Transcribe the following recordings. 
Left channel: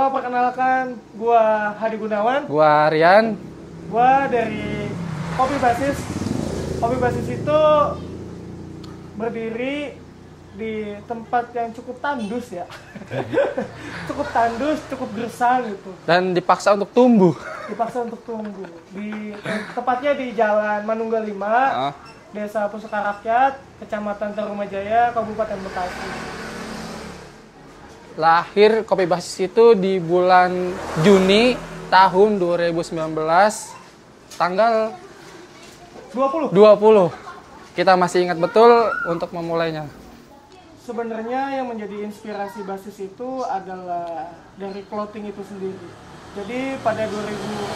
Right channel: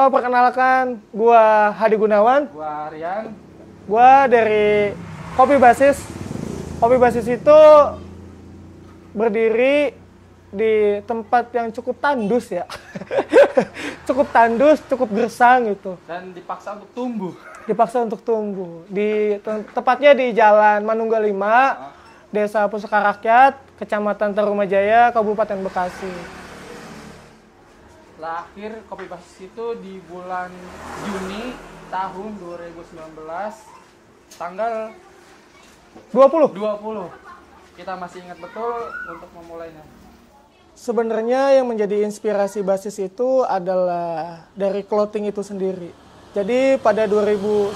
Halo, perkenalkan, gua Hadi Gunawan. Gua Rian. Gua dari Kopi Basis. Kopi Basis itu berdiri di tempat yang cukup tandus ya. Cukup tandus, cukup gersang gitu. Dan dipaksa untuk tumbuh. Dipaksa untuk tumbuh. Tepatnya di Jalan Manunggal 5, Desa Pusaka Rakyat, Kecamatan Tarumajaya, Kabupaten Bekasi. Lahir Kopi Basis itu di bulan Juni tahun 2019, tanggal 20. Kita masih ingat betul untuk memulainya. Sebenarnya yang menjadi inspirasi Basis itu adalah dari clothing itu sendiri. Jadi pada 2011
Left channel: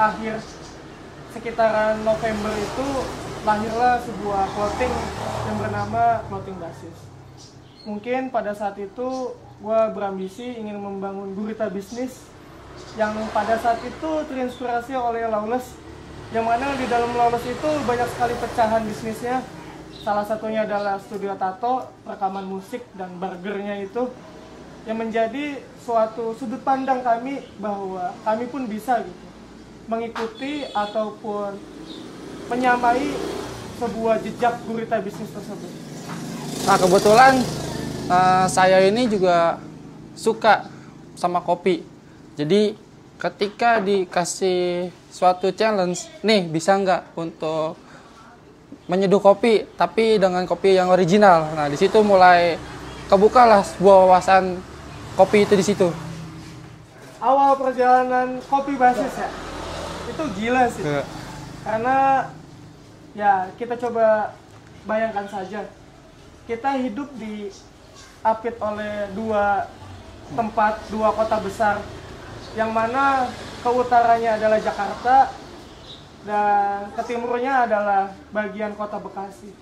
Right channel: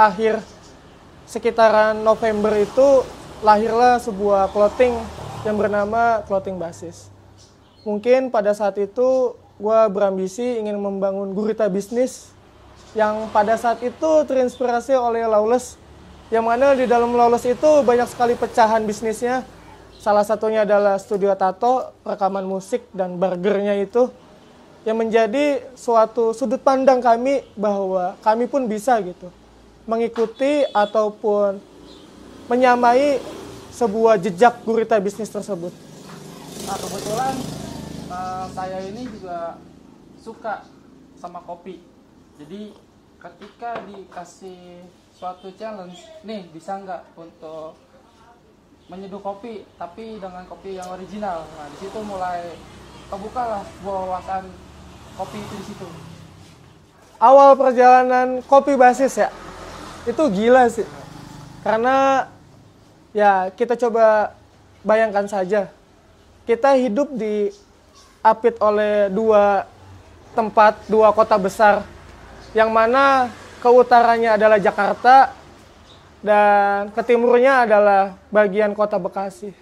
akhir sekitaran November itu lahirlah sebuah clothing yang bernama Clothing Basis. Mungkin pada saat itu gue berambisi ingin membangun gurita bisnis yang pada saat itu terinspirasi oleh Lawless, yang mana di dalam Lawless itu banyak sekali pecahan bisnisnya. Salah satunya adalah studio tato, rekaman musik, dan burgernya itu yang menjadi suatu sudut pandang kami bahwa kami pun bisa gitu mengikuti ataupun menyamai sebuah jejak gurita bisnis tersebut. Nah, kebetulan saya ini juga suka sama kopi. Jadi ketika dikasih suatu challenge, nih bisa nggak untuk menyeduh kopi tapi dengan kopi yang original. Nah, di situ mulai kebukalah sebuah wawasan kopi itu di situ. Awal perjalanan Kopi Basis ya, itu gila sih. Karena ya kita coba bayangkan saja, kita hidup diapit oleh dua tempat, dua kota besar, yang mana ke utaranya adalah Jakarta dan ke timurnya adalah bagian kota Bekasi.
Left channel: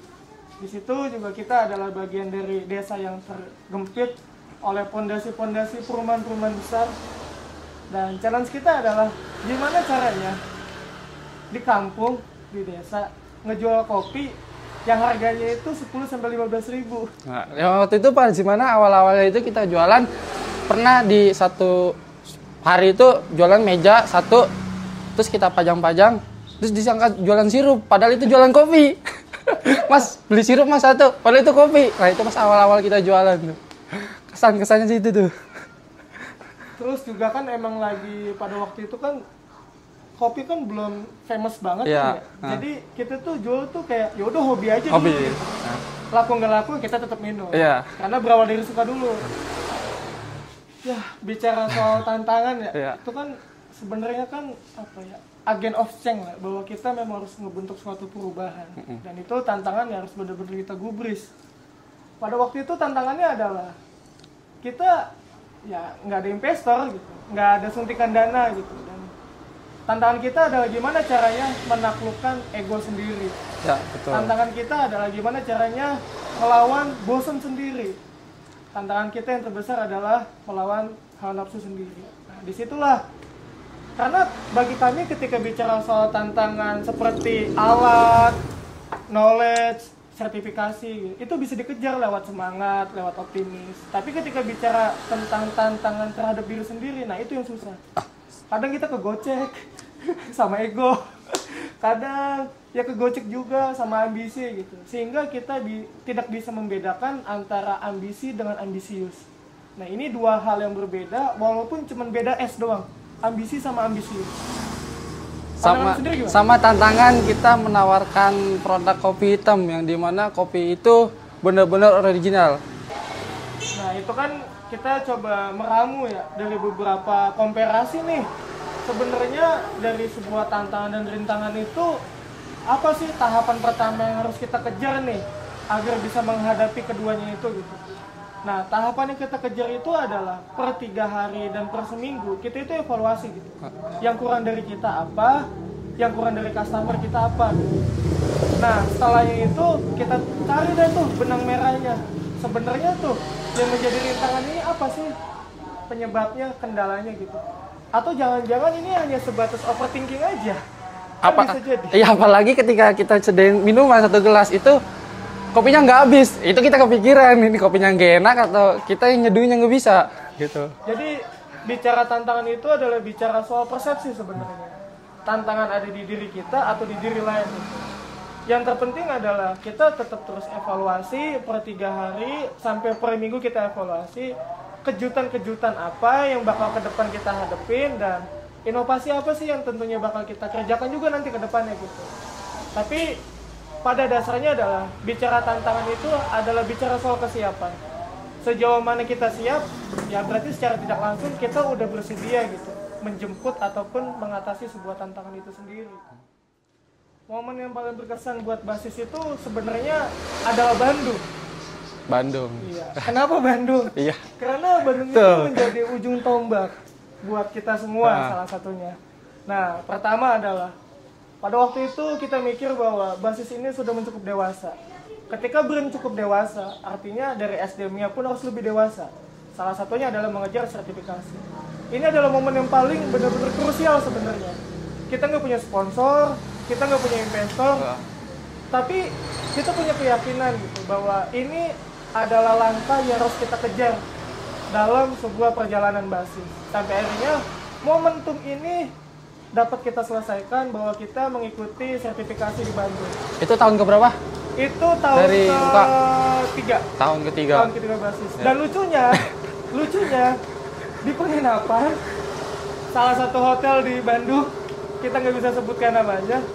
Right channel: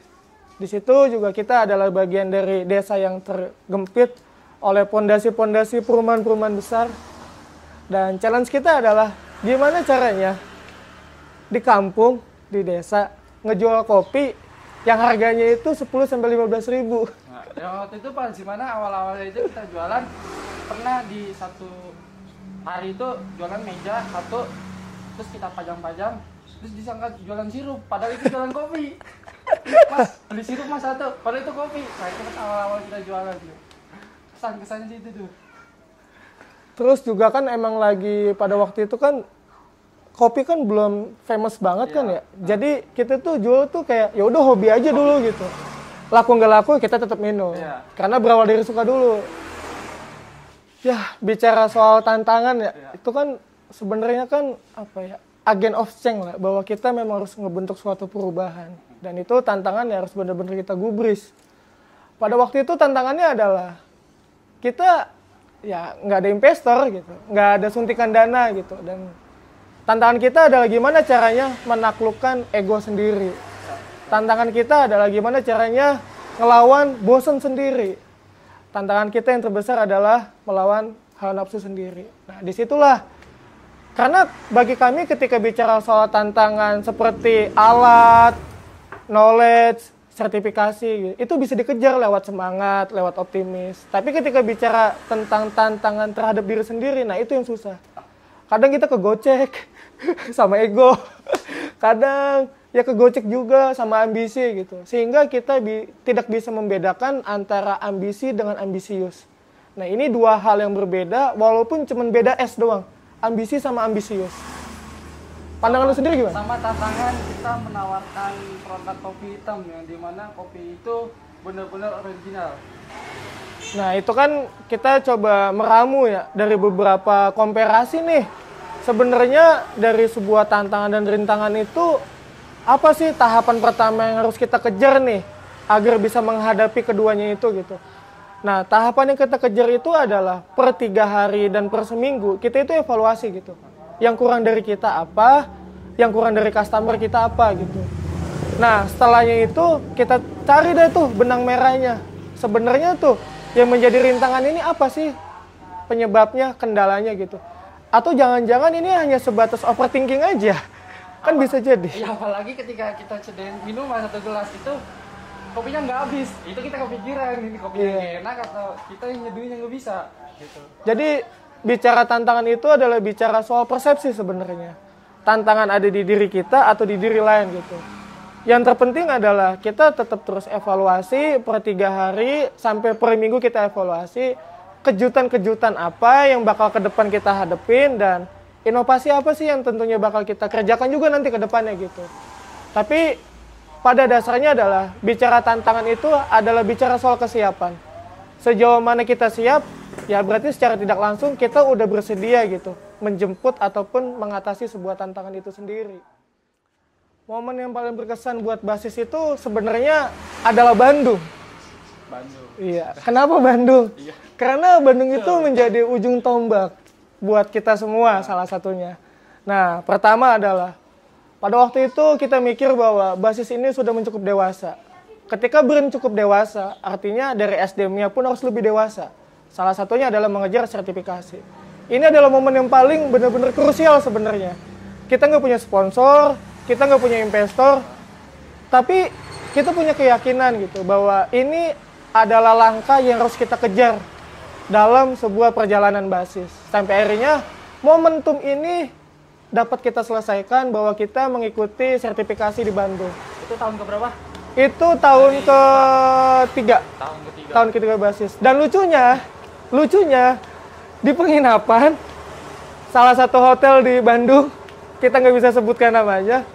Di situ juga kita adalah bagian dari desa yang tergempit oleh pondasi-pondasi perumahan-perumahan besar. Dan challenge kita adalah gimana caranya di kampung, di desa, ngejual kopi yang harganya itu 10-15 ribu. Nah, waktu itu pas gimana awal-awalnya itu kita jualan, pernah di satu hari itu jualan meja satu, terus kita pajang-pajang, terus disangka jualan sirup, padahal itu jualan kopi. Mas, beli sirup mas satu, padahal itu kopi. Nah itu pas awal-awal kita jualan tuh. Kesan-kesannya sih itu tuh. Terus juga kan emang lagi pada waktu itu kan kopi kan belum famous banget kan ya. Jadi kita tuh jual tuh kayak ya udah hobi aja dulu gitu. Laku nggak laku kita tetap minum. Karena berawal dari suka dulu. Ya, bicara soal tantangan ya. Itu kan sebenarnya kan apa ya? Agen of change lah, bahwa kita memang harus ngebentuk suatu perubahan. Dan itu tantangannya harus benar-benar kita gubris. Pada waktu itu tantangannya adalah kita ya nggak ada investor gitu, nggak ada suntikan dana gitu, dan tantangan kita adalah gimana caranya menaklukkan ego sendiri. Ya, betul. Tantangan kita adalah gimana caranya ngelawan bosan sendiri. Tantangan kita yang terbesar adalah melawan hawa nafsu sendiri. Nah, disitulah, karena bagi kami ketika bicara soal tantangan seperti alat, knowledge, sertifikasi, itu bisa dikejar lewat semangat, lewat optimis. Tapi ketika bicara tentang tantangan terhadap diri sendiri, nah itu yang susah. Kadang kita kegocek sama ego, kadang ya kegocek juga sama ambisi gitu. Sehingga kita tidak bisa membedakan antara ambisi dengan ambisius. Nah ini dua hal yang berbeda, walaupun cuma beda S doang. Ambisi sama ambisius. Pandangan sendiri gimana? Sama tantangan kita menawarkan produk kopi hitam yang dimana kopi itu benar-benar original. Nah itu kan kita coba meramu ya dari beberapa komparasi nih. Sebenarnya dari sebuah tantangan dan rintangan itu apa sih tahapan pertama yang harus kita kejar nih agar bisa menghadapi keduanya itu gitu. Nah, tahapan yang kita kejar itu adalah per 3 hari dan per seminggu kita itu evaluasi gitu. Yang kurang dari kita apa, yang kurang dari customer kita apa gitu. Nah, setelahnya itu kita cari deh tuh benang merahnya. Sebenarnya tuh yang menjadi rintangan ini apa sih penyebabnya, kendalanya gitu. Atau jangan-jangan ini hanya sebatas overthinking aja. Kan bisa jadi. Iya, apalagi ketika kita sediain minuman 1 gelas itu kopinya nggak habis, itu kita kepikiran ini kopinya nggak enak atau kita yang nyeduhnya nggak bisa gitu. Jadi bicara tantangan itu adalah bicara soal persepsi sebenarnya. Tantangan ada di diri kita atau di diri lain gitu. Yang terpenting adalah kita tetap terus evaluasi per 3 hari sampai per minggu kita evaluasi kejutan-kejutan apa yang bakal ke depan kita hadepin dan inovasi apa sih yang tentunya bakal kita kerjakan juga nanti ke depannya gitu. Tapi pada dasarnya adalah bicara tantangan itu adalah bicara soal kesiapan. Sejauh mana kita siap, ya berarti secara tidak langsung kita udah bersedia gitu menjemput ataupun mengatasi sebuah tantangan itu sendiri. Momen yang paling berkesan buat basis itu sebenarnya adalah Bandung. Bandung. Iya. Kenapa Bandung? Iya. Karena Bandung itu menjadi ujung tombak buat kita semua salah satunya. Nah, pertama adalah pada waktu itu kita mikir bahwa basis ini sudah mencukup dewasa. Ketika belum cukup dewasa, artinya dari SDM-nya pun harus lebih dewasa. Salah satunya adalah mengejar sertifikasi. Ini adalah momen yang paling benar-benar krusial sebenarnya. Kita nggak punya sponsor, kita nggak punya investor, tapi kita punya keyakinan gitu bahwa ini adalah langkah yang harus kita kejar dalam sebuah perjalanan basis. Sampai akhirnya momentum ini dapat kita selesaikan bahwa kita mengikuti sertifikasi di Bandung. Itu tahun keberapa? Itu tahun ketiga. Tahun ketiga. Tahun ketiga basis. Dan lucunya di penginapan salah satu hotel di Bandung, kita nggak bisa sebutkan namanya,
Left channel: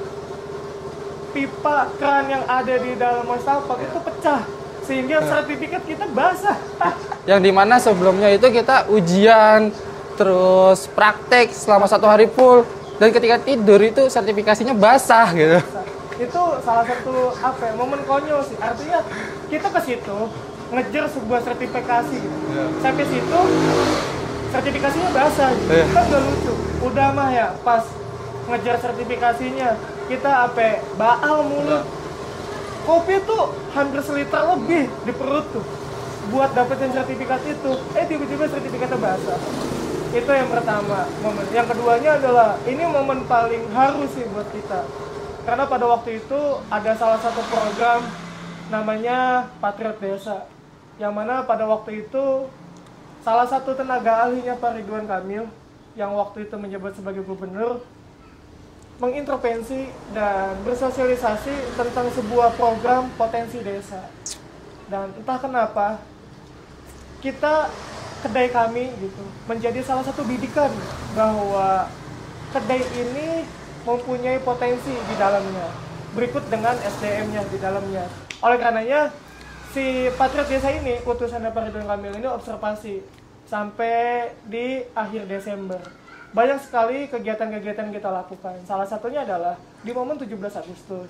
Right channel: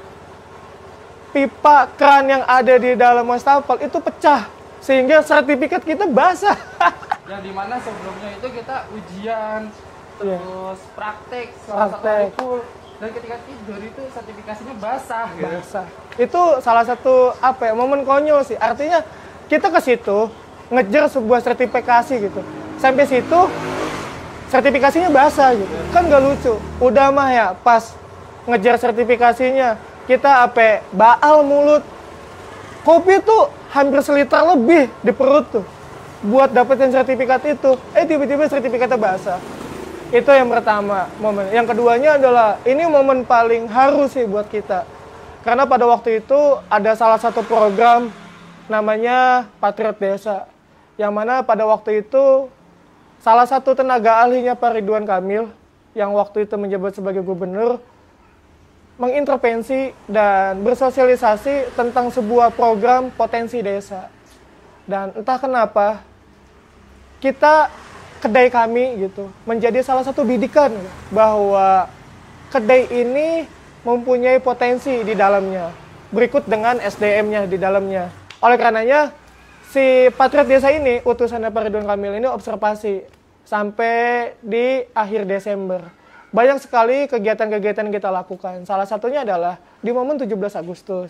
pipa keran yang ada di dalam wastafel itu pecah sehingga sertifikat kita basah. Yang dimana sebelumnya itu kita ujian, terus praktek selama 1 hari full, dan ketika tidur itu sertifikasinya basah gitu. Itu salah satu momen konyol sih. Artinya kita ke situ ngejar sebuah sertifikasi gitu. Sampai situ sertifikasinya basah gitu. Kan gak lucu. Udah mah ya pas ngejar sertifikasinya kita baal mulut. Kopi tuh hampir seliter lebih di perut tuh buat dapetin sertifikat itu. Tiba-tiba sertifikatnya basah. Itu yang pertama momen. Yang keduanya adalah ini momen paling harus sih buat kita. Karena pada waktu itu ada salah satu program namanya Patriot Desa. Yang mana pada waktu itu salah satu tenaga ahlinya Pak Ridwan Kamil yang waktu itu menjabat sebagai gubernur mengintervensi dan bersosialisasi tentang sebuah program potensi desa. Dan entah kenapa kita kedai kami gitu menjadi salah satu bidikan bahwa kedai ini mempunyai potensi di dalamnya, berikut dengan SDM-nya di dalamnya. Oleh karenanya, si Patriot Desa ini, utusannya Pak Ridwan Kamil ini observasi sampai di akhir Desember. Banyak sekali kegiatan-kegiatan yang kita lakukan. Salah satunya adalah di momen 17 Agustus.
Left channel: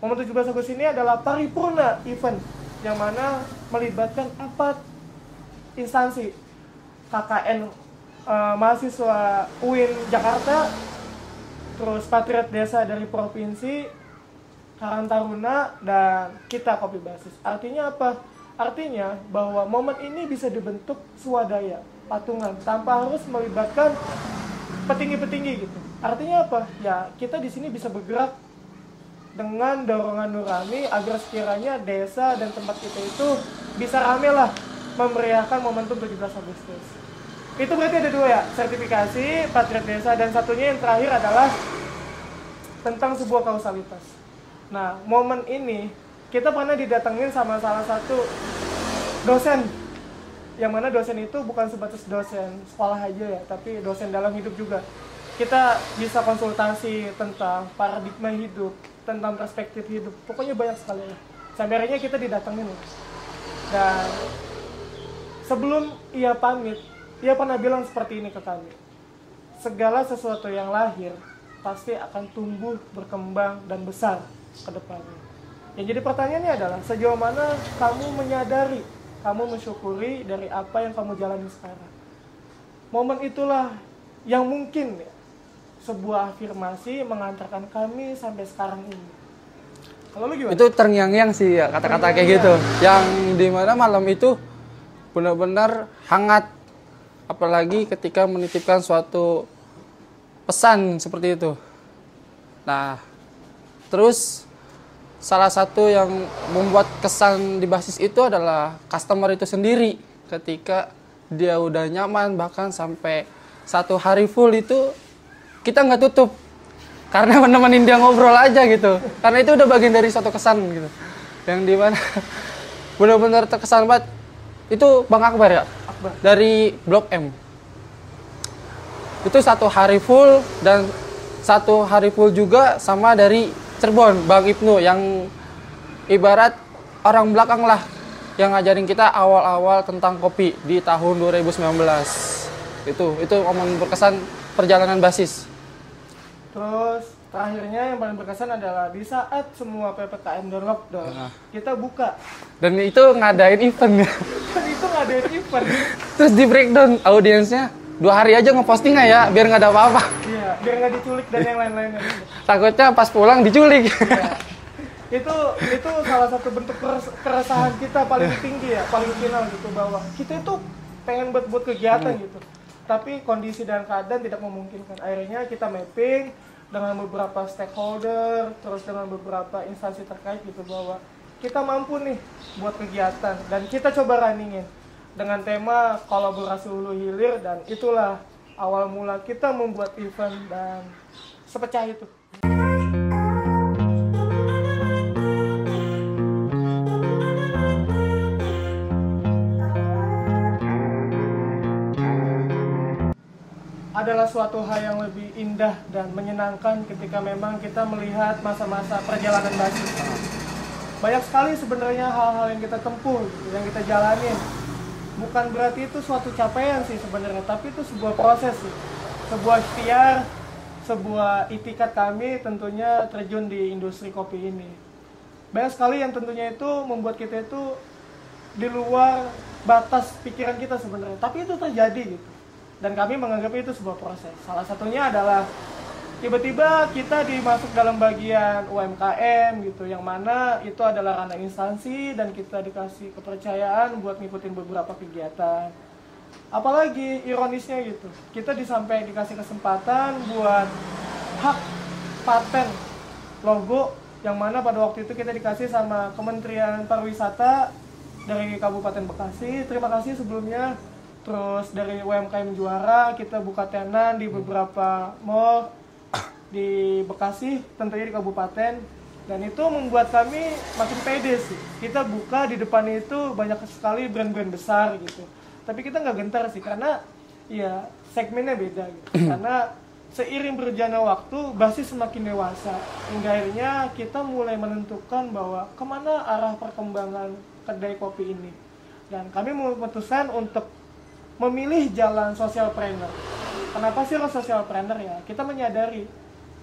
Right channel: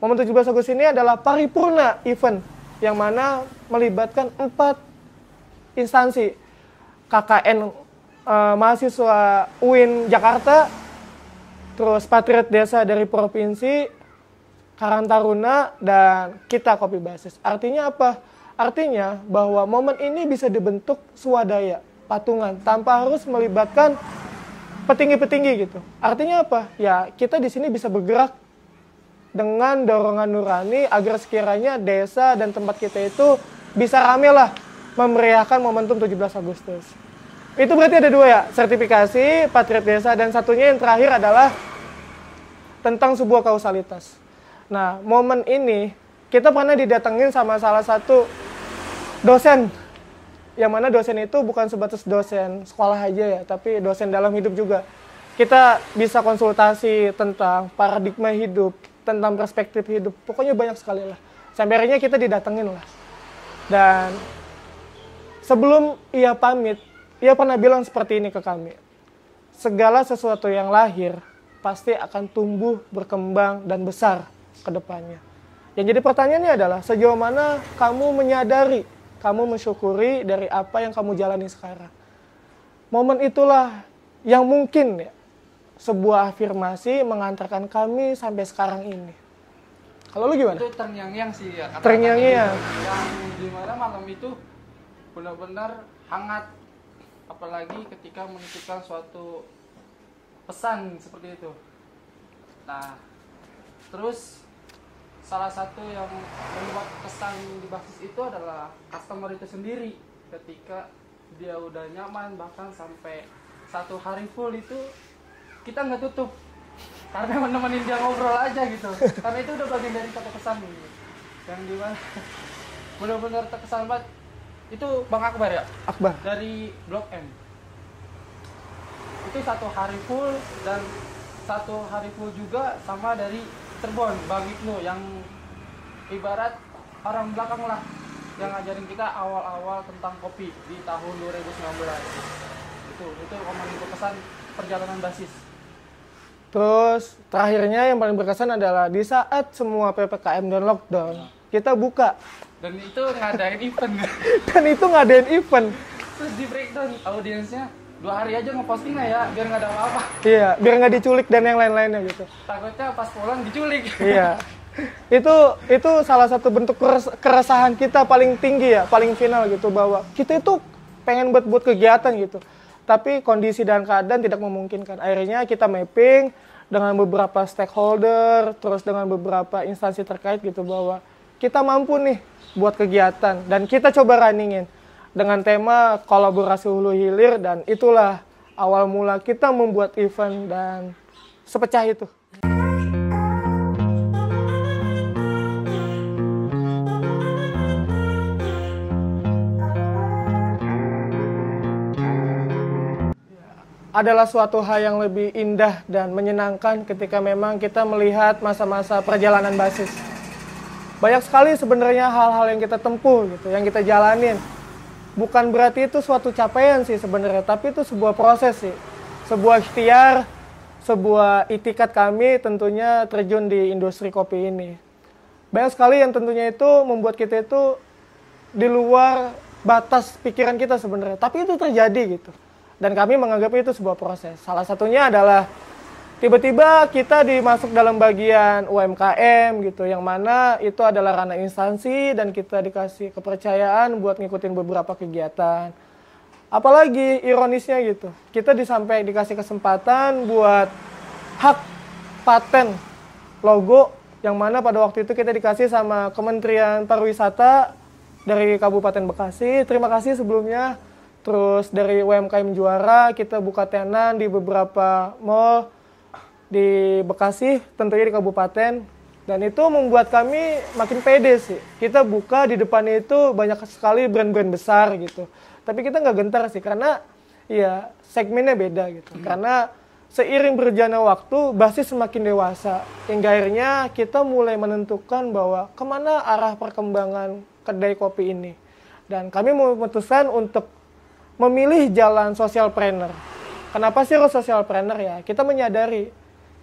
Momen 17 Agustus ini adalah paripurna event, yang mana melibatkan 4 instansi. KKN mahasiswa UIN Jakarta, terus Patriot Desa dari Provinsi, Karang Taruna, dan kita Kopi Basis. Artinya apa? Artinya bahwa momen ini bisa dibentuk swadaya, patungan, tanpa harus melibatkan petinggi-petinggi gitu. Artinya apa? Ya kita di sini bisa bergerak dengan dorongan nurani agar sekiranya desa dan tempat kita itu bisa rame lah memeriahkan momentum 17 Agustus. Itu berarti ada 2 ya, sertifikasi, Patriot Desa, dan satunya yang terakhir adalah tentang sebuah kausalitas. Nah, momen ini kita pernah didatengin sama salah satu dosen, yang mana dosen itu bukan sebatas dosen sekolah aja ya, tapi dosen dalam hidup juga. Kita bisa konsultasi tentang paradigma hidup, tentang perspektif hidup, pokoknya banyak sekali lah. Sampai akhirnya kita didatengin lah. Dan sebelum ia pamit, ia pernah bilang seperti ini ke kami. Segala sesuatu yang lahir pasti akan tumbuh, berkembang, dan besar ke depannya. Yang jadi pertanyaannya adalah, sejauh mana kamu menyadari, kamu mensyukuri dari apa yang kamu jalani sekarang. Momen itulah yang mungkin ya, sebuah afirmasi mengantarkan kami sampai sekarang ini. Kalau lu gimana? Itu terngiang-ngiang sih ya, kata-kata kayak gitu. Yang dimana malam itu benar-benar hangat. Apalagi ketika menitipkan suatu pesan seperti itu. Nah, terus salah satu yang membuat kesan di basis itu adalah customer itu sendiri. Ketika dia udah nyaman, bahkan sampai 1 hari full itu kita nggak tutup karena menemenin dia ngobrol aja gitu, karena itu udah bagian dari suatu kesan gitu yang dimana benar-benar terkesan banget. Itu Bang Akbar ya, Akbar dari Blok M itu 1 hari full, dan 1 hari full juga sama dari Cirebon Bang Ibnu yang ibarat orang belakang lah, yang ngajarin kita awal-awal tentang kopi di tahun 2019. Itu momen berkesan perjalanan basis. Terus terakhirnya yang paling berkesan adalah di saat semua PPKM dan lockdown, kita buka. Dan itu ngadain event. Dan itu ngadain event. Terus di breakdown audiensnya 2 hari aja ngeposting nggak ya, biar nggak ada apa-apa. Iya, biar nggak diculik dan yang lain-lainnya gitu. Takutnya pas pulang diculik. Iya. Itu salah satu bentuk keresahan kita paling tinggi ya, paling final gitu, bahwa kita itu pengen buat kegiatan gitu. Tapi kondisi dan keadaan tidak memungkinkan. Akhirnya kita mapping dengan beberapa stakeholder, terus dengan beberapa instansi terkait gitu, bahwa kita mampu nih buat kegiatan, dan kita coba runningin dengan tema kolaborasi hulu hilir, dan itulah awal mula kita membuat event dan sepecah itu. Adalah suatu hal yang lebih indah dan menyenangkan ketika memang kita melihat masa-masa perjalanan basis. Banyak sekali sebenarnya hal-hal yang kita tempuh gitu, yang kita jalanin. Bukan berarti itu suatu capaian sih sebenarnya, tapi itu sebuah proses sih. Sebuah ikhtiar, sebuah itikat kami tentunya terjun di industri kopi ini. Banyak sekali yang tentunya itu membuat kita itu di luar batas pikiran kita sebenarnya, tapi itu terjadi gitu. Dan kami menganggap itu sebuah proses. Salah satunya adalah tiba-tiba kita dimasuk dalam bagian UMKM gitu, yang mana itu adalah ranah instansi dan kita dikasih kepercayaan buat ngikutin beberapa kegiatan. Apalagi ironisnya gitu, kita dikasih kesempatan buat hak paten logo, yang mana pada waktu itu kita dikasih sama Kementerian Pariwisata dari Kabupaten Bekasi. Terima kasih sebelumnya. Terus dari UMKM Juara kita buka tenan di beberapa mall di Bekasi, tentunya di kabupaten, dan itu membuat kami makin pede sih. Kita buka di depannya itu banyak sekali brand-brand besar gitu, tapi kita nggak gentar sih, karena ya segmennya beda gitu. Karena seiring berjalannya waktu, basis semakin dewasa, hingga akhirnya kita mulai menentukan bahwa kemana arah perkembangan kedai kopi ini, dan kami memutuskan untuk memilih jalan socialpreneur. Kenapa sih harus socialpreneur ya? Kita menyadari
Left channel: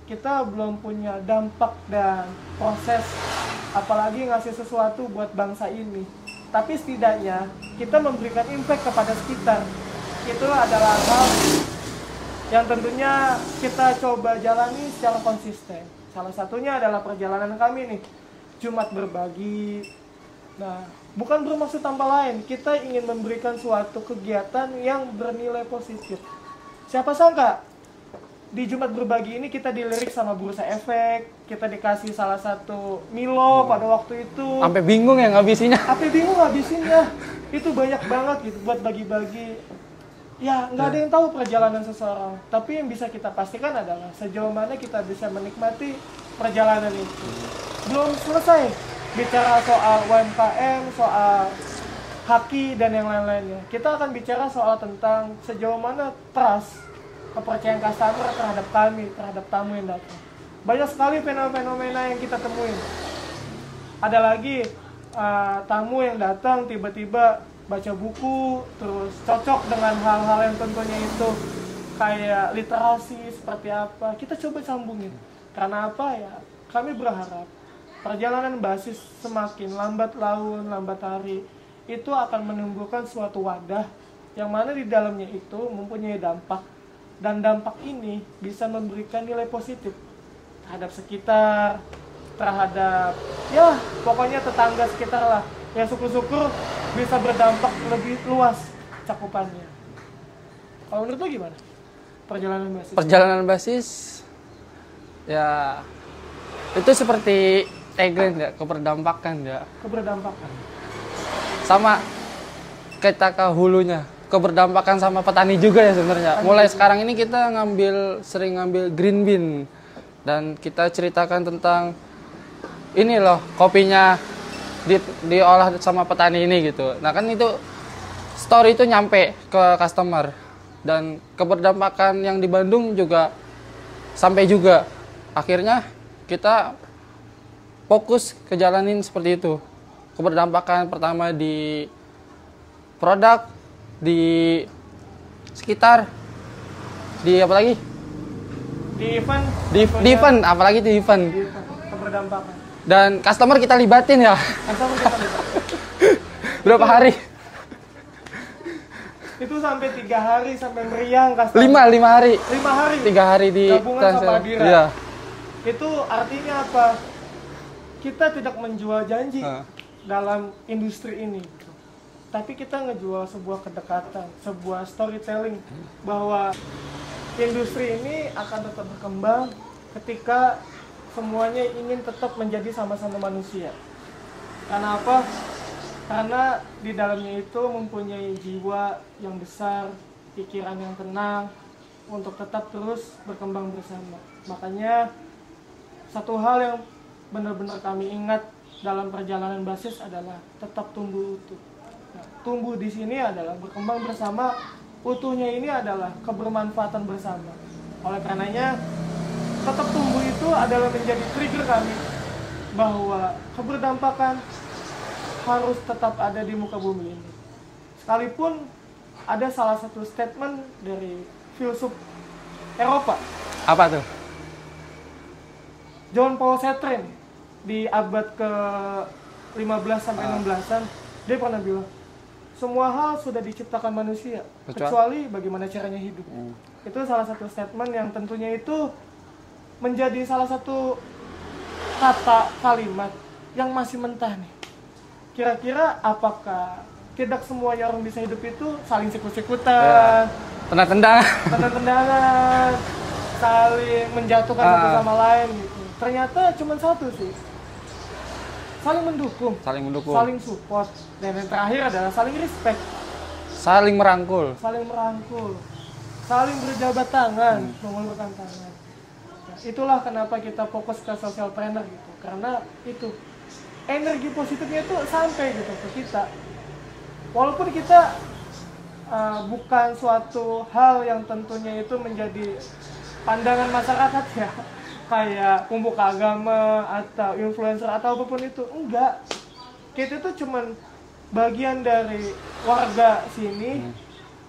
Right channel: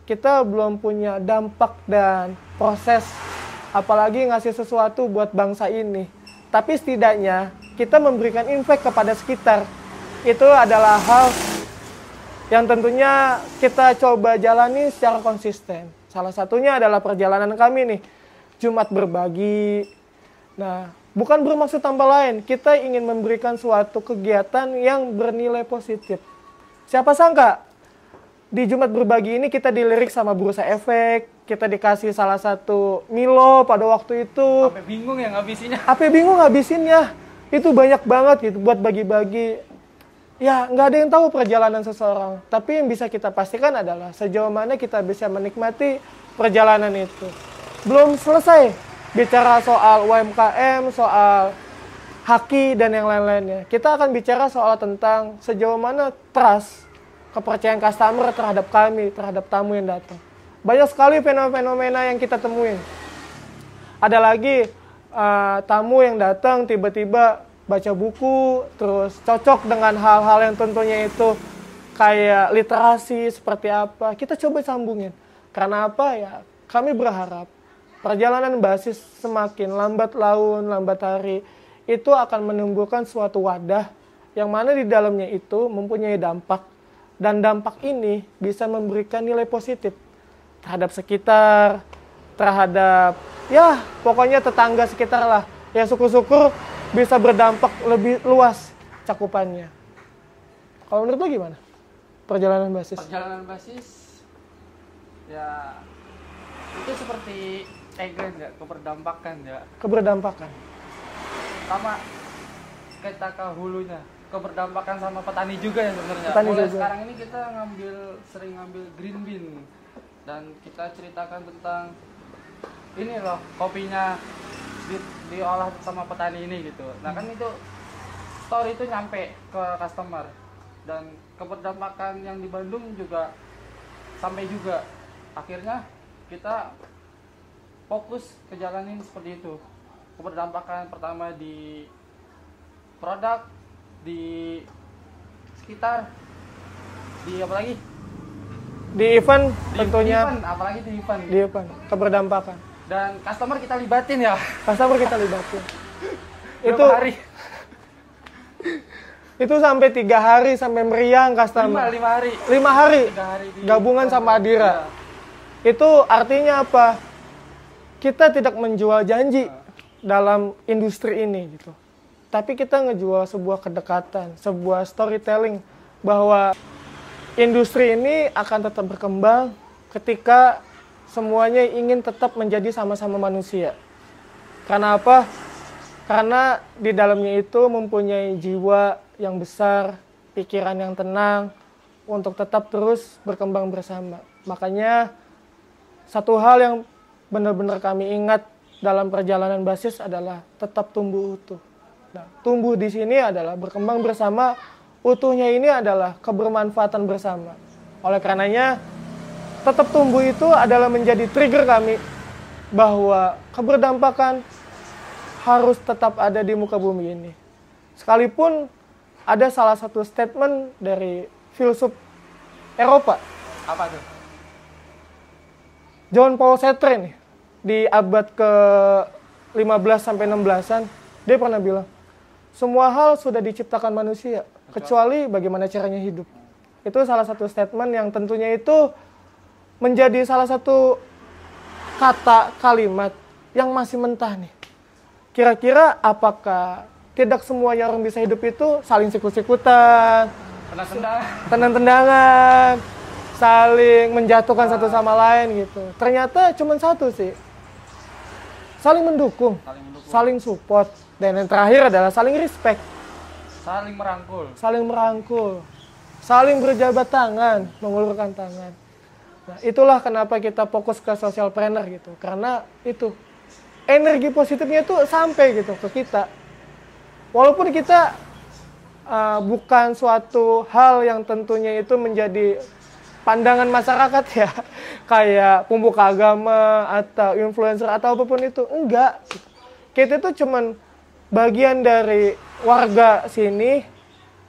kita belum punya dampak dan proses, apalagi ngasih sesuatu buat bangsa ini. Tapi setidaknya kita memberikan impact kepada sekitar. Itu adalah hal yang tentunya kita coba jalani secara konsisten. Salah satunya adalah perjalanan kami nih, Jumat Berbagi. Nah, bukan bermaksud tanpa lain, kita ingin memberikan suatu kegiatan yang bernilai positif. Siapa sangka di Jumat Berbagi ini kita dilirik sama Bursa Efek, kita dikasih salah satu Milo pada waktu itu. Sampai bingung ya ngabisinnya. Sampai bingung ngabisinnya. Itu banyak banget gitu buat bagi-bagi. Ya, nggak ada yang tahu perjalanan seseorang. Tapi yang bisa kita pastikan adalah sejauh mana kita bisa menikmati perjalanan itu. Belum selesai bicara soal UMKM, soal haki, dan yang lain-lainnya. Kita akan bicara soal tentang sejauh mana trust, kepercayaan customer terhadap kami, terhadap tamu yang datang. Banyak sekali fenomena yang kita temuin. Ada lagi tamu yang datang tiba-tiba baca buku, terus cocok dengan hal-hal yang tentunya itu kayak literasi, seperti apa. Kita coba sambungin. Karena apa ya? Kami berharap perjalanan basis semakin lambat laun, lambat hari, itu akan menimbulkan suatu wadah yang mana di dalamnya itu mempunyai dampak. Dan dampak ini bisa memberikan nilai positif terhadap sekitar, terhadap, ya pokoknya tetangga sekitar lah. Yang syukur-syukur bisa berdampak lebih luas cakupannya. Kalau menurut lo gimana? Perjalanan basis? Perjalanan basis, ya itu seperti tagline nggak, keberdampakan nggak? Keberdampakan. Sama kita ke hulunya, keberdampakan sama petani juga ya sebenarnya. Petani Mulai juga. sekarang ini kita sering ngambil green bean dan kita ceritakan tentang ini loh kopinya diolah sama petani ini gitu. Nah kan itu story itu nyampe ke customer dan keberdampakan yang di Bandung juga sampai juga. Akhirnya kita fokus ke jalanin seperti itu. Keberdampakan pertama di produk, di sekitar, di apa lagi? Di event, Di tentunya event, apalagi di event. di event keberdampakan. Dan customer kita libatin ya. Customer kita libatkan. Berapa hari? Itu sampai 3 hari sampai meriang customer. 5 hari. 5 hari. 3 hari di Gabungan sama Adira. Iya. Itu artinya apa? Kita tidak menjual janji Nah. dalam industri ini gitu. Tapi kita ngejual sebuah kedekatan, sebuah storytelling bahwa industri ini akan tetap berkembang ketika semuanya ingin tetap menjadi sama-sama manusia. Karena apa? Karena di dalamnya itu mempunyai jiwa yang besar, pikiran yang tenang untuk tetap terus berkembang bersama. Makanya satu hal yang benar-benar kami ingat dalam perjalanan basis adalah tetap tumbuh utuh. Nah, tumbuh di sini adalah berkembang bersama, utuhnya ini adalah kebermanfaatan bersama. Oleh karenanya, tetap tumbuh itu adalah menjadi trigger kami bahwa keberdampakan harus tetap ada di muka bumi ini. Sekalipun ada salah satu statement dari filsuf Eropa, Apa tuh? John Paul Sartre nih, di abad ke-15 sampai 16-an, dia pernah bilang, semua hal sudah diciptakan manusia, kecuali bagaimana caranya hidup. Itu salah satu statement yang tentunya itu menjadi salah satu kata kalimat yang masih mentah nih. Kira-kira apakah tidak semuanya orang bisa hidup itu saling sikut-sikutan, Tendang-tendang. tendang-tendangan, saling menjatuhkan satu sama lain gitu. Ternyata cuma satu sih, saling mendukung, Saling mendukung. saling support, dan yang terakhir adalah saling respect, Saling merangkul. saling merangkul, saling berjabat tangan, mengulurkan tangan. Nah, itulah kenapa kita fokus ke social planner gitu, karena itu energi positifnya itu sampai gitu ke kita. Walaupun kita bukan suatu hal yang tentunya itu menjadi pandangan masyarakat ya, kayak pembuka agama atau influencer atau apapun itu, enggak. Kita itu cuman bagian dari warga sini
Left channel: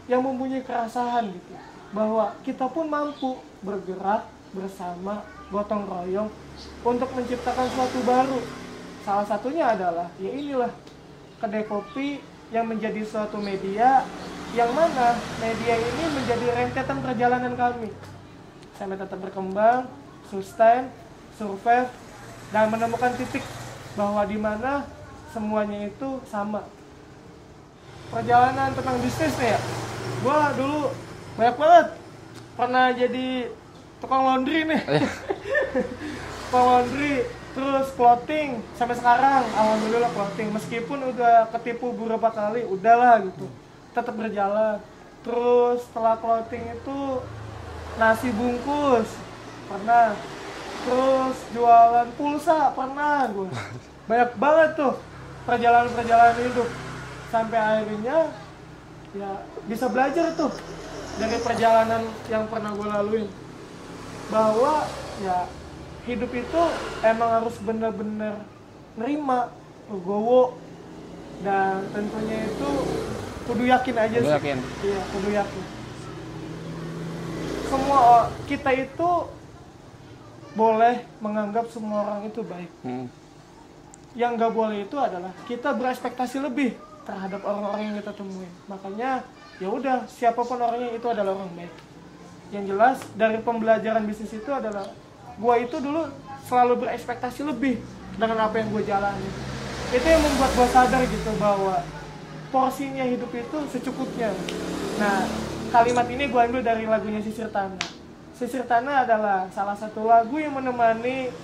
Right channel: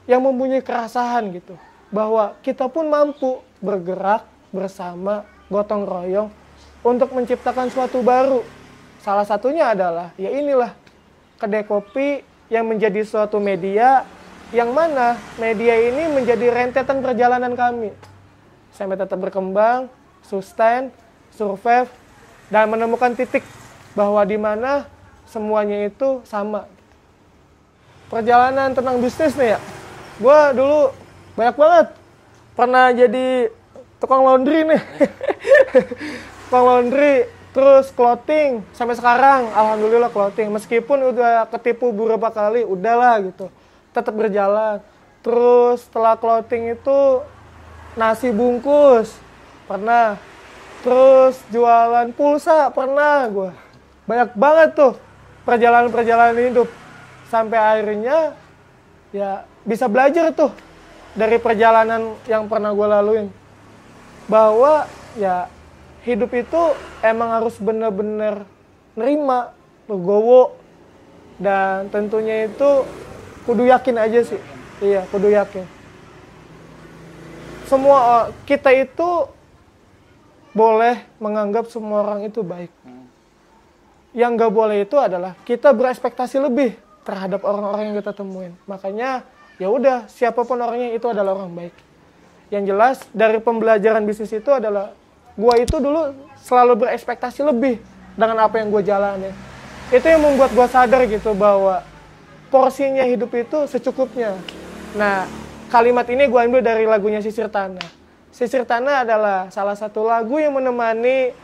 yang mempunyai kerasahan gitu, bahwa kita pun mampu bergerak bersama, gotong royong untuk menciptakan suatu baru. Salah satunya adalah ya inilah kedai kopi yang menjadi suatu media, yang mana media ini menjadi rentetan perjalanan kami sampai tetap berkembang, sustain, survive, dan menemukan titik bahwa di mana semuanya itu sama. Perjalanan tentang bisnis nih ya, gue dulu banyak banget pernah jadi tukang laundry nih. Tukang laundry, terus clothing, sampai sekarang alhamdulillah clothing. Meskipun udah ketipu beberapa kali, udahlah gitu, tetap berjalan. Terus setelah clothing itu nasi bungkus pernah, terus jualan pulsa pernah gue. Banyak banget tuh perjalanan hidup, sampai akhirnya ya bisa belajar tuh dari perjalanan yang pernah gue laluin, bahwa ya hidup itu emang harus bener-bener nerima, legowo, dan tentunya itu kudu yakin aja Kudu sih. yakin. Iya, kudu yakin. Semua kita itu boleh menganggap semua orang itu baik. Yang nggak boleh itu adalah kita berekspektasi lebih terhadap orang-orang yang kita temuin. Makanya ya udah, siapapun orangnya itu adalah orang baik. Yang jelas dari pembelajaran bisnis itu adalah gua itu dulu selalu berekspektasi lebih dengan apa yang gua jalani. Itu yang membuat gua sadar gitu bahwa porsinya hidup itu secukupnya. Nah, kalimat ini gua ambil dari lagunya Sisir Tanah. Sisir Tanah adalah salah satu lagu yang menemani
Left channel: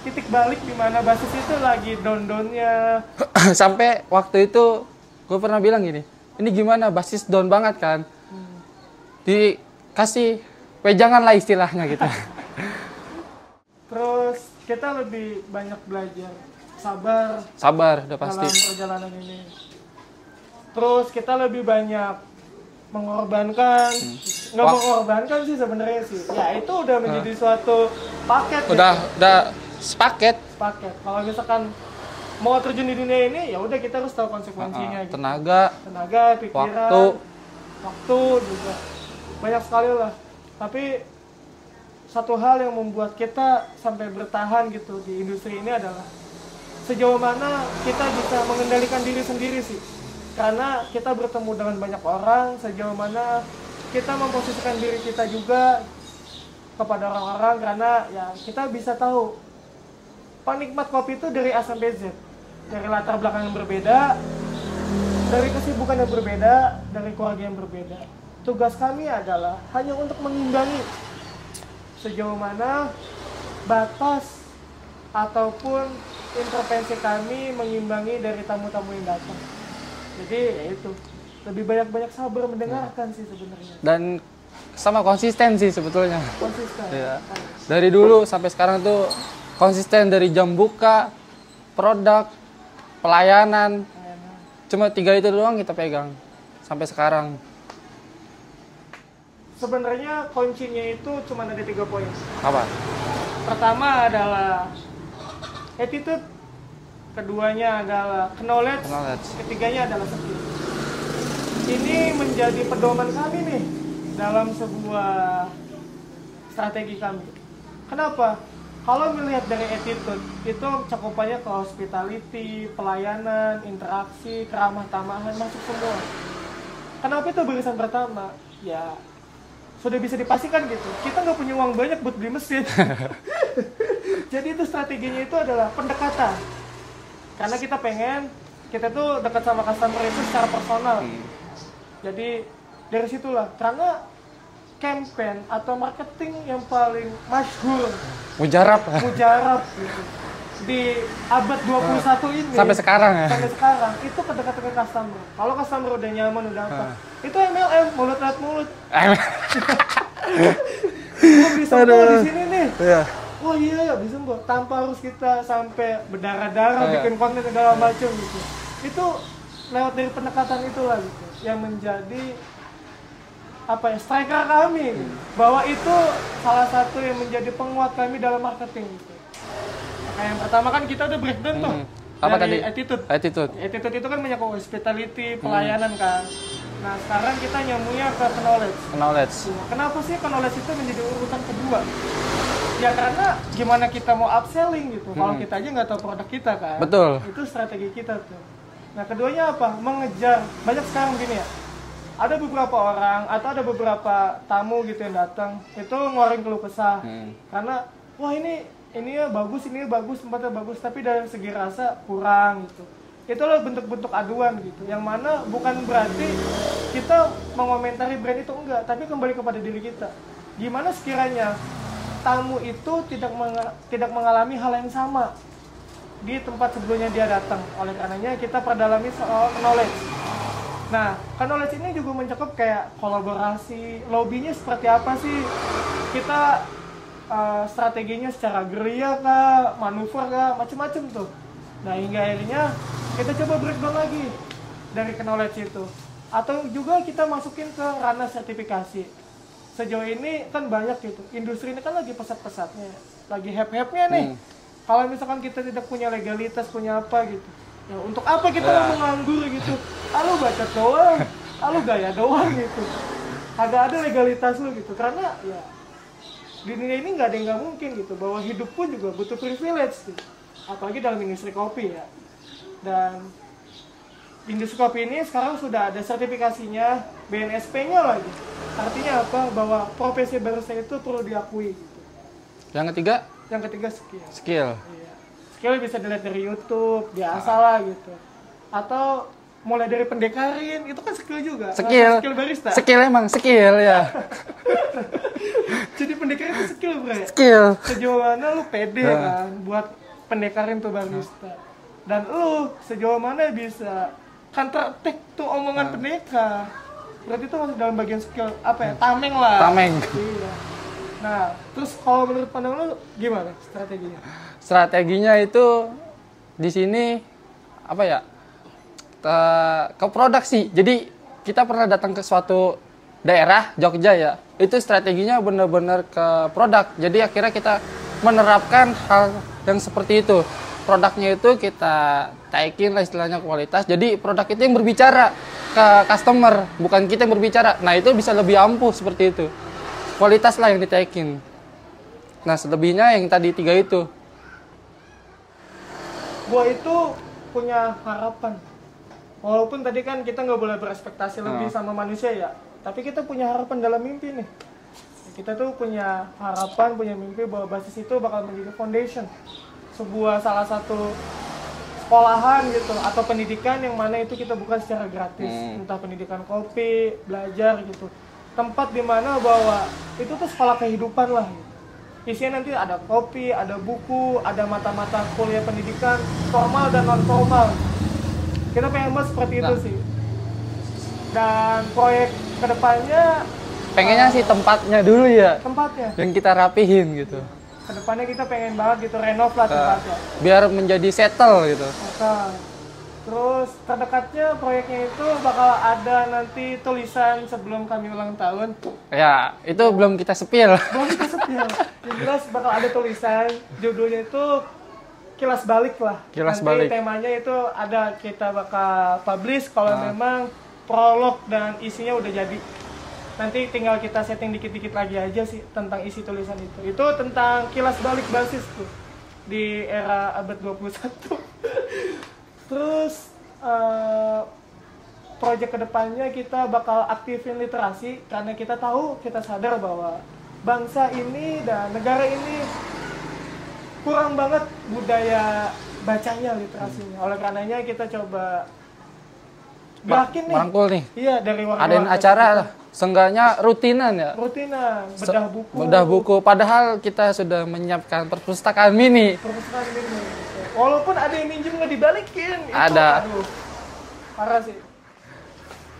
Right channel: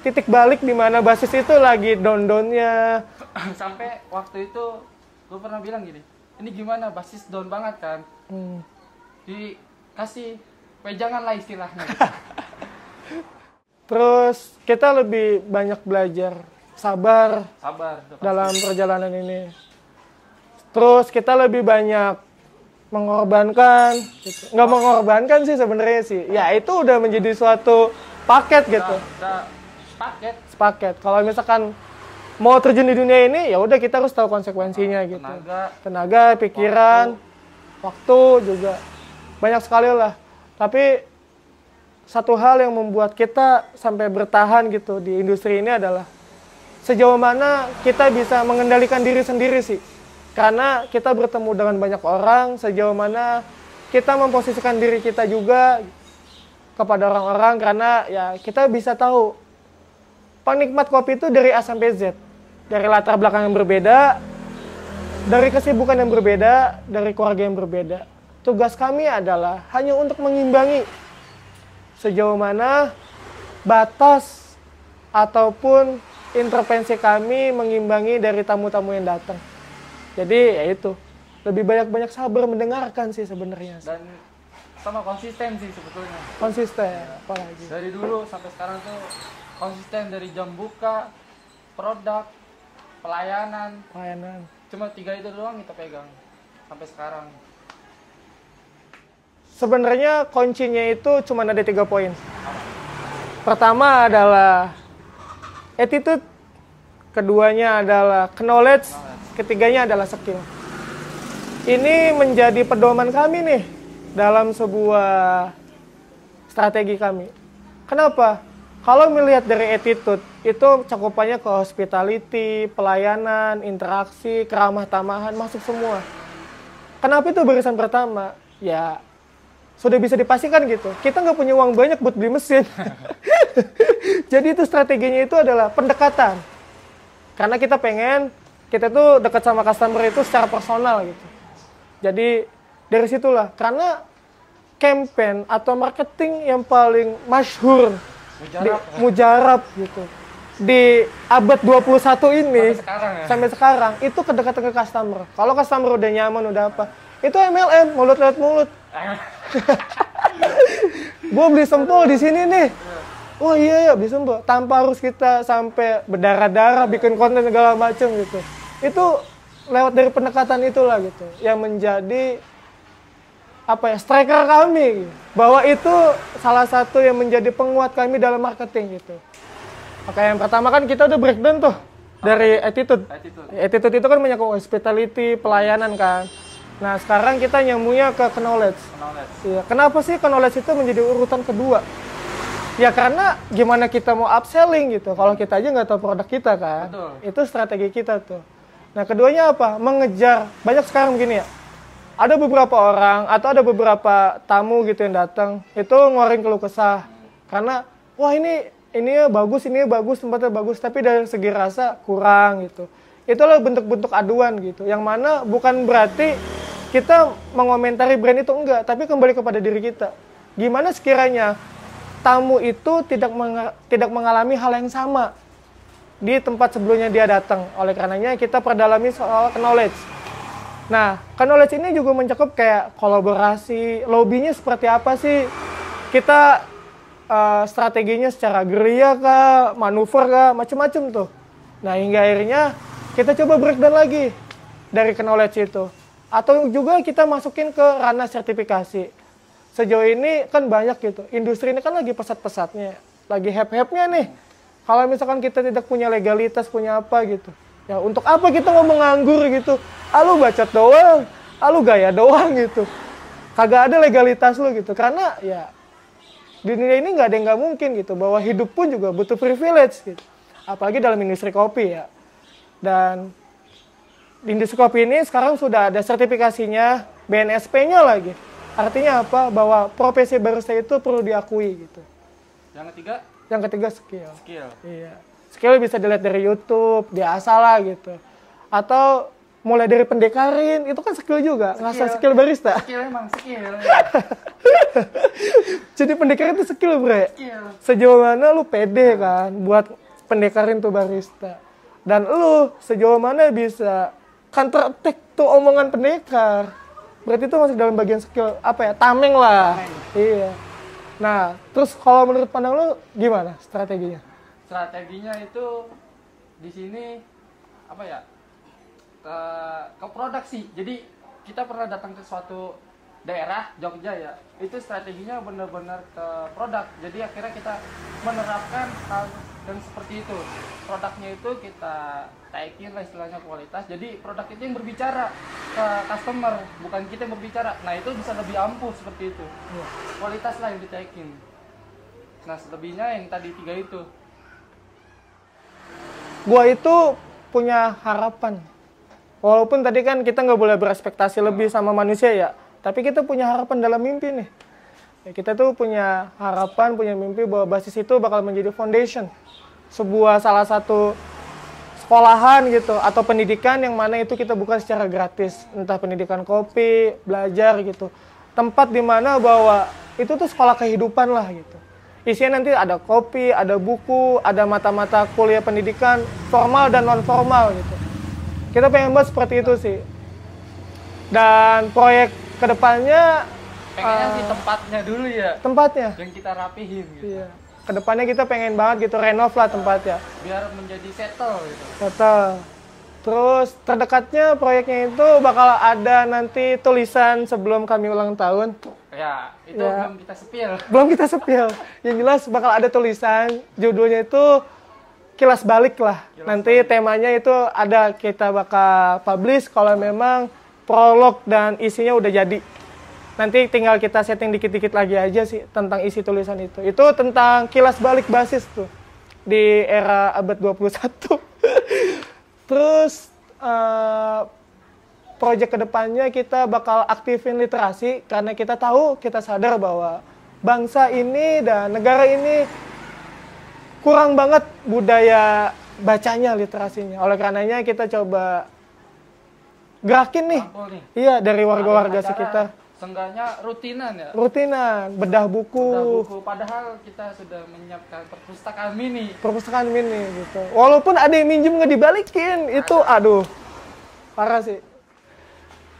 titik balik di mana basis itu lagi down-downnya. Sampai waktu itu gue pernah bilang gini, ini gimana, basis down banget kan. Dikasih wejangan lah istilahnya gitu. Terus kita lebih banyak belajar sabar Udah pasti. dalam perjalanan ini. Terus kita lebih banyak mengorbankan, nggak mengorbankan sih sebenarnya sih. Ya itu udah menjadi suatu paket gitu. Udah sepaket. Kalau misalkan mau terjun di dunia ini, ya udah kita harus tahu konsekuensinya gitu. Tenaga, pikiran, waktu juga banyak sekali lah. Tapi satu hal yang membuat kita sampai bertahan gitu di industri ini adalah sejauh mana kita bisa mengendalikan diri sendiri sih. Karena kita bertemu dengan banyak orang, sejauh mana kita memposisikan diri kita juga kepada orang-orang, karena ya kita bisa tahu penikmat kopi itu dari A sampai Z. Dari latar belakang yang berbeda, dari kesibukan yang berbeda, dari keluarga yang berbeda. Tugas kami adalah hanya untuk mengimbangi sejauh mana batas ataupun intervensi kami mengimbangi dari tamu-tamu yang datang. Jadi ya itu, lebih banyak-banyak sabar mendengarkan sih sebenarnya. Dan sama konsisten sih sebetulnya. Konsisten. Ya. Dari dulu sampai sekarang tuh konsisten, dari jam buka, produk, pelayanan. Cuma 3 itu doang kita pegang sampai sekarang. Sebenarnya kuncinya itu cuma ada 3 poin. Apa? Pertama adalah attitude, keduanya adalah knowledge, ketiganya adalah skill. Ini menjadi pedoman kami nih dalam sebuah strategi kami. Kenapa? Kalau melihat dari attitude, itu cakupannya ke hospitality, pelayanan, interaksi, keramah tamahan, masuk semua. Kenapa itu barisan pertama? Ya, sudah bisa dipastikan gitu. Kita nggak punya uang banyak buat beli mesin. Jadi itu strateginya itu adalah pendekatan. Karena kita pengen, kita tuh dekat sama customer itu secara personal. Gitu. Jadi dari situlah, karena campaign atau marketing yang paling masyhur, mujarab gitu, di abad 21 ini sampai sekarang itu kedekatan ke customer. Kalau customer udah nyaman, udah apa, itu MLM, mulut lewat mulut. Gue beli sempo di sini nih. Oh iya, bisa Mbak. Tanpa harus kita sampai berdarah-darah bikin konten segala macam gitu. Itu lewat dari pendekatan itulah gitu, yang menjadi apa ya, striker kami. Bahwa itu salah satu yang menjadi penguat kami dalam marketing gitu. Maka yang pertama kan kita udah breakdown tuh dari attitude. Attitude itu kan menyangkut hospitality, pelayanan kan. Nah sekarang kita nyambungnya ke knowledge. Iya. Kenapa sih knowledge itu menjadi urutan kedua? Ya karena gimana kita mau upselling gitu, kalau kita aja nggak tahu produk kita kan. Betul. Itu strategi kita tuh. Nah keduanya apa? Mengejar. Banyak sekarang begini ya, ada beberapa orang atau ada beberapa tamu gitu yang datang, itu ngeluarin keluh kesah. Karena, wah ini ya bagus, tempatnya bagus, tapi dari segi rasa kurang gitu. Itulah bentuk-bentuk aduan gitu, yang mana bukan berarti kita mengomentari brand itu enggak, tapi kembali kepada diri kita. Gimana sekiranya tamu itu tidak mengalami hal yang sama di tempat sebelumnya dia datang. Oleh karenanya kita perdalami soal knowledge. Nah, knowledge ini juga mencakup kayak kolaborasi, lobbynya seperti apa sih? Kita strateginya secara gerilya kah, manuver kah, macam-macam tuh. Nah, hingga akhirnya kita coba breakdown lagi dari knowledge itu. Atau juga kita masukin ke ranah sertifikasi. Sejauh ini kan banyak gitu, industri ini kan lagi pesat-pesatnya, lagi hype-hype-nya nih. Kalau misalkan kita tidak punya legalitas, punya apa gitu, ya untuk apa kita ngomong nganggur gitu? Lu bacot doang, lu gaya doang gitu. Kagak ada legalitas lu gitu, karena ya di dunia ini nggak ada yang nggak mungkin gitu, bahwa hidup pun juga butuh privilege gitu. Apalagi dalam industri kopi ya. Dan industri kopi ini sekarang sudah ada sertifikasinya, BNSP-nya lagi. Artinya apa? Bahwa profesi barista itu perlu diakui gitu. Yang ketiga? Yang ketiga skill. Iya. Skill bisa dilihat dari YouTube, biasa lah gitu. Atau mulai dari pendekarin, itu kan skill juga. Skill barista. Skill emang, skill ya. Jadi pendekarin itu skill, bre. Skill. Sejauh mana lu pede kan buat pendekarin tuh barista. Dan lu sejauh mana bisa counter attack tuh omongan pendekar. Berarti itu masuk dalam bagian skill apa ya? Tameng lah. Tameng. Iya. Nah, terus kalau menurut pandang lu gimana strateginya? Strateginya itu di sini apa ya? Ke produk sih. Jadi kita pernah datang ke suatu daerah Jogja ya. Itu strateginya benar-benar ke produk. Jadi akhirnya kita menerapkan hal yang seperti itu. Produknya itu kita taikin lah istilahnya kualitas. Jadi produk itu yang berbicara ke customer, bukan kita yang berbicara. Nah itu bisa lebih ampuh seperti itu. Kualitas lah yang ditaikin. Nah selebihnya yang tadi 3 itu. Gua itu punya harapan. Walaupun tadi kan kita nggak boleh berekspektasi lebih sama manusia ya. Tapi kita punya harapan dalam mimpi nih. Ya, kita tuh punya harapan, punya mimpi bahwa basis itu bakal menjadi foundation. Sebuah salah satu sekolahan gitu atau pendidikan yang mana itu kita bukan secara gratis. Entah pendidikan kopi, belajar gitu. Tempat di mana bahwa itu tuh sekolah kehidupan lah gitu. Isinya nanti ada kopi, ada buku, ada mata-mata kuliah pendidikan formal dan non formal gitu. Kita pengen buat seperti itu sih. Dan proyek kedepannya Pengennya sih tempatnya dulu ya. tempatnya. Yang kita rapihin gitu. Iya. Kedepannya kita pengen banget gitu renov lah tempatnya. Biar menjadi settle gitu. Betul. Terus terdekatnya proyeknya itu bakal ada nanti tulisan sebelum kami ulang tahun. Ya, itu Ya. belum kita sepil. Belum kita sepil. Yang jelas bakal ada tulisan, judulnya itu kilas balik lah. Kilas Nanti balik. temanya itu ada kita bakal publish kalau memang prolog dan isinya udah jadi. Nanti tinggal kita setting dikit-dikit lagi aja sih tentang isi tulisan itu. Itu tentang kilas balik basis tuh di era abad 21. Terus proyek kedepannya kita bakal aktifin literasi karena kita tahu, kita sadar bahwa bangsa ini dan negara ini kurang banget budaya bacanya, literasinya. Oleh karenanya kita coba gerakin nih. Rangkul nih. Iya, dari Adain warga-warga acara sekitar. seenggaknya rutinan ya. Rutinan, bedah buku. Bedah buku. Padahal kita sudah menyiapkan perpustakaan mini. Perpustakaan mini gitu. Walaupun ada yang minjem nggak dibalikin, itu Ada. aduh parah sih.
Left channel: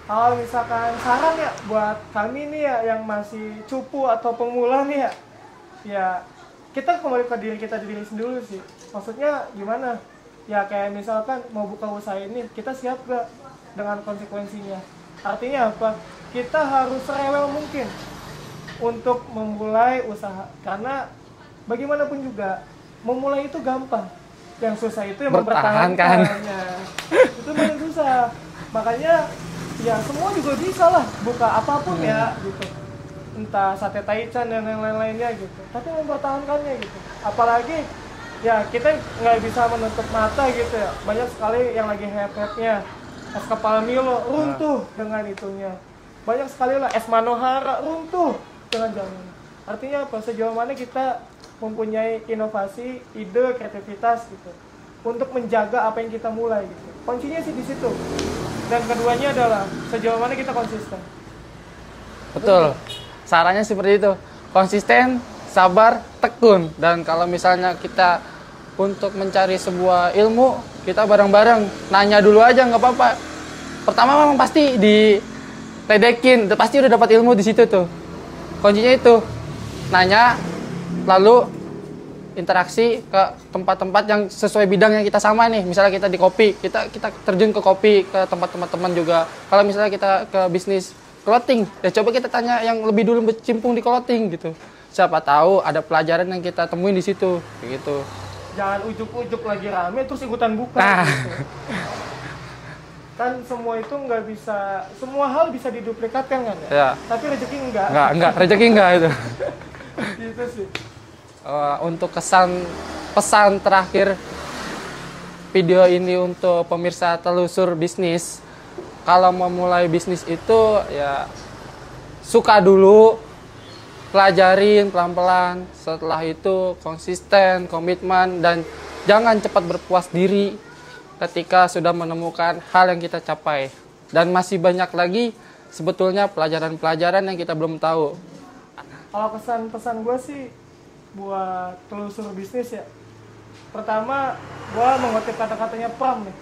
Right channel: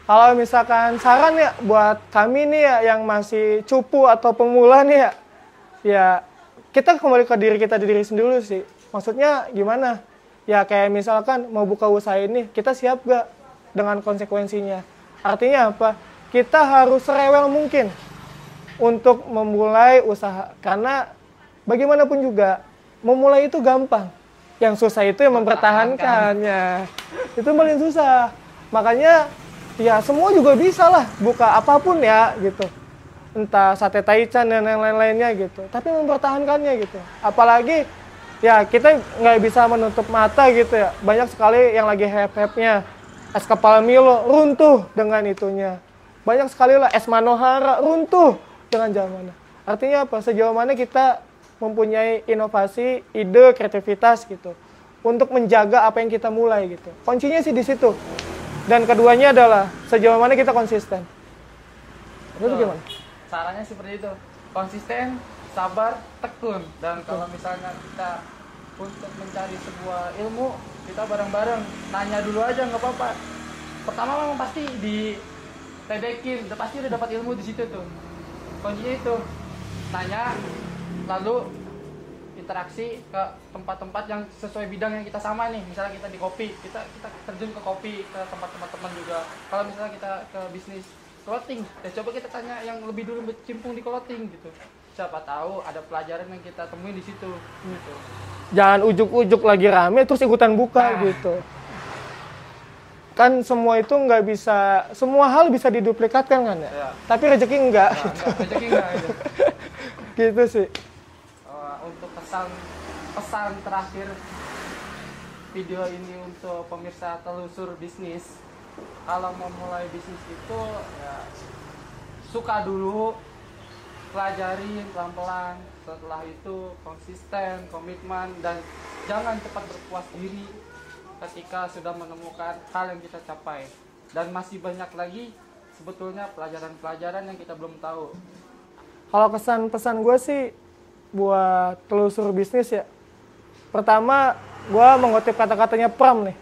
Kalau misalkan saran ya buat kami nih ya yang masih cupu atau pemula nih ya kita kembali ke diri kita diri sendiri sih. Maksudnya gimana? Ya kayak misalkan mau buka usaha ini, kita siap gak dengan konsekuensinya? Artinya apa? Kita harus serewel mungkin untuk memulai usaha. Karena bagaimanapun juga, memulai itu gampang. Yang susah itu yang mempertahankannya. Itu paling susah. Makanya ya semua juga bisa lah buka apapun ya gitu. Entah sate taichan dan lain-lainnya gitu. Tapi mempertahankannya gitu. Apalagi ya kita nggak bisa menutup mata gitu ya. Banyak sekali yang lagi hype-hype-nya. Es kepal Milo runtuh dengan itunya. Banyak sekali lah es Manohara runtuh dengan zamannya. Artinya apa? Sejauh mana kita mempunyai inovasi, ide, kreativitas gitu. Untuk menjaga apa yang kita mulai gitu. Kuncinya sih di situ. Dan keduanya adalah sejauh mana kita konsisten. Betul. Sarannya seperti itu. Konsisten, sabar, tekun. Dan kalau misalnya kita untuk mencari sebuah ilmu, kita bareng-bareng. Nanya dulu aja, nggak apa-apa. Pertama memang pasti diledekin. Pasti udah dapat ilmu di situ tuh. Kuncinya itu. Nanya, lalu interaksi ke tempat-tempat yang sesuai bidang yang kita sama nih. Misalnya kita di kopi, kita terjun ke kopi, ke tempat-tempat teman juga. Kalau misalnya kita ke bisnis clothing, ya coba kita tanya yang lebih dulu bercimpung di clothing gitu. Siapa tahu ada pelajaran yang kita temuin di situ, kayak gitu. Jangan ujuk-ujuk lagi rame terus ikutan buka gitu. Kan semua itu nggak bisa, semua hal bisa diduplikatkan kan ya? Ya. Tapi rezeki enggak. Enggak, rezeki enggak itu. Gitu sih. Untuk pesan terakhir video ini untuk pemirsa telusur bisnis, kalau mau mulai bisnis itu ya suka dulu, pelajarin pelan-pelan, setelah itu konsisten, komitmen, dan jangan cepat berpuas diri ketika sudah menemukan hal yang kita capai. Dan masih banyak lagi sebetulnya pelajaran-pelajaran yang kita belum tahu. Kalau pesan-pesan gue sih buat telusur bisnis ya. Pertama, gue mengutip kata-katanya Pram nih.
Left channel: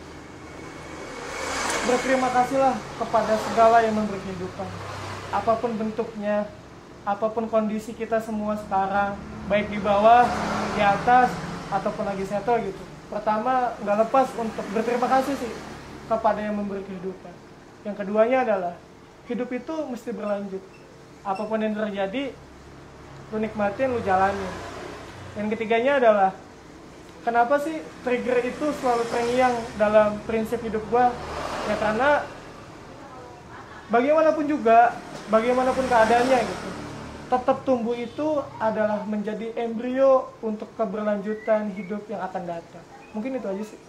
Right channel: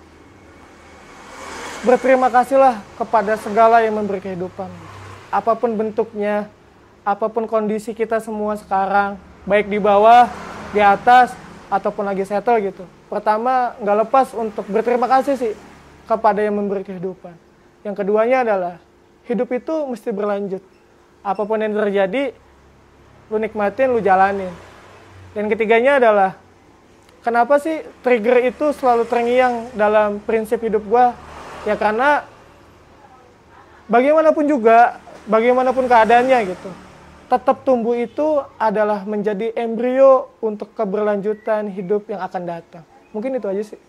berterima kasihlah kepada segala yang memberi kehidupan. Apapun bentuknya, apapun kondisi kita semua sekarang, baik di bawah, di atas, ataupun lagi settle gitu. Pertama, nggak lepas untuk berterima kasih sih kepada yang memberi kehidupan. Yang keduanya adalah, hidup itu mesti berlanjut. Apapun yang terjadi, lu nikmatin, lu jalanin. Dan ketiganya adalah, kenapa sih trigger itu selalu terngiang dalam prinsip hidup gua? Ya karena bagaimanapun juga, bagaimanapun keadaannya gitu, tetap tumbuh itu adalah menjadi embrio untuk keberlanjutan hidup yang akan datang. Mungkin itu aja sih.